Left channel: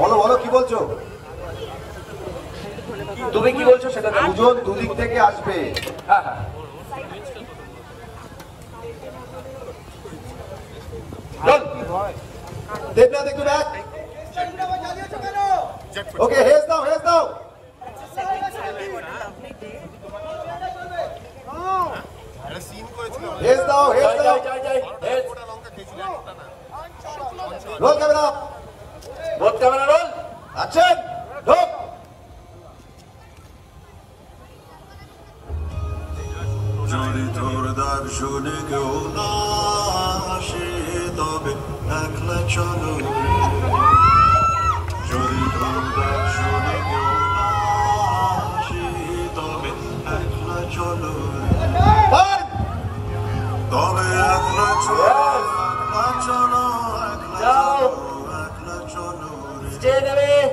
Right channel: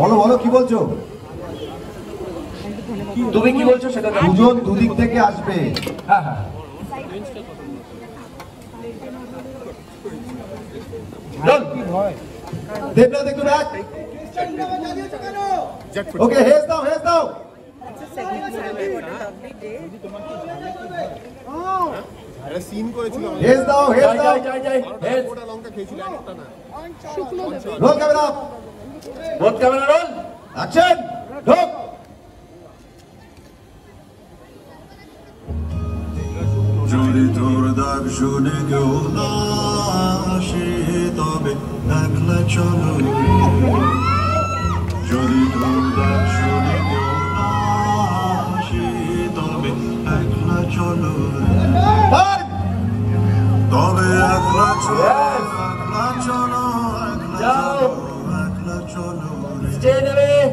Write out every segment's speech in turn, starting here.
বলো বলো কি বলছো? তুমি কি বলছো সেটা? দুজন দুদিক থেকে আসবে। হ্যাঁ হ্যাঁ দেবনাথ একটু ব্যাক। ওকে হেল্প দাও হেল্প দাও। সিন করেছিল হেল্প দাও হেল্প দাও। গোটা লঙ্কা খেয়েছিল একটা না। Roll camera roll camera roll action ঢোক। যদি তোর দর্শনে কেউ না আসে তবে একলা চলো। যদি তোর দর্শনে কেউ না আসে তবে একলা চলো। তবে একলা চলো একলা চলো একলা চলো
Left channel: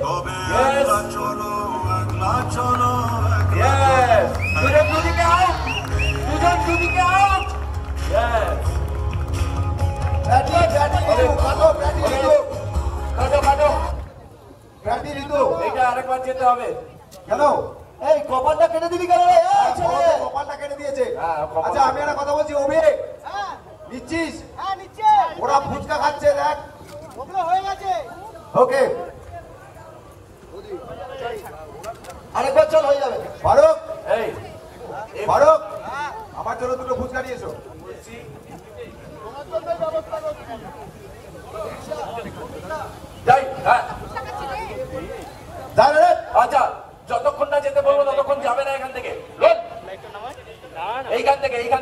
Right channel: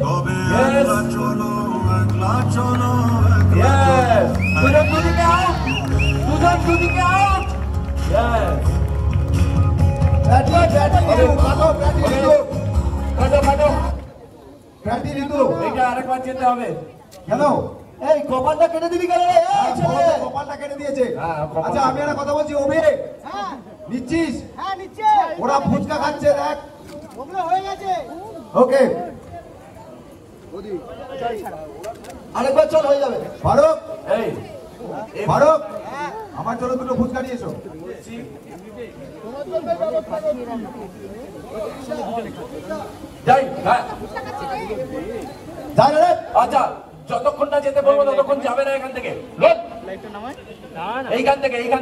তবে একলা চলো একলা চলো আরেকবার যেতে হবে। কেন এই কপালটা কেটে দিবি কেন? কপালটা কেটে দিয়েছে। হ্যাঁ, কপাল। আচ্ছা আমি একটা কথা বলছি, অভি নিচ্ছিস? হ্যাঁ নিচ্ছে ওরা ফুচকা খাচ্ছে দেখ। ওগুলো হয়ে গেছে। ওকে আরেকবার চল হয়ে যাবে। ফারুক এই ফারুক আমার জন্য দুটো ফুচকা নিয়ে এসো। যাই হ্যাঁ দাঁড়া রে। আচ্ছা যতক্ষণ না যেতে বলবো ততক্ষণ যাবে না এখান থেকে। এইখান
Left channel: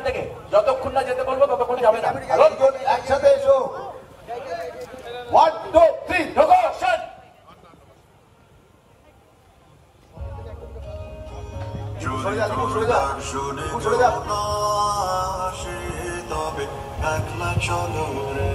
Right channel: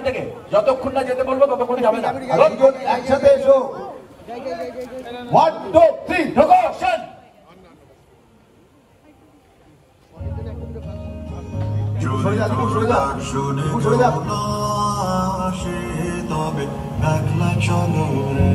থেকে যতক্ষণ না যেতে বলবো ততক্ষণ যাবে না। দুজন একসাথে এসো। 1 2 3 ঢোকো অ্যাকশন। সরে যা দিকু, সরে যা। শুনে সরে যা। কেউ না আসে তবে একলা চলো রে।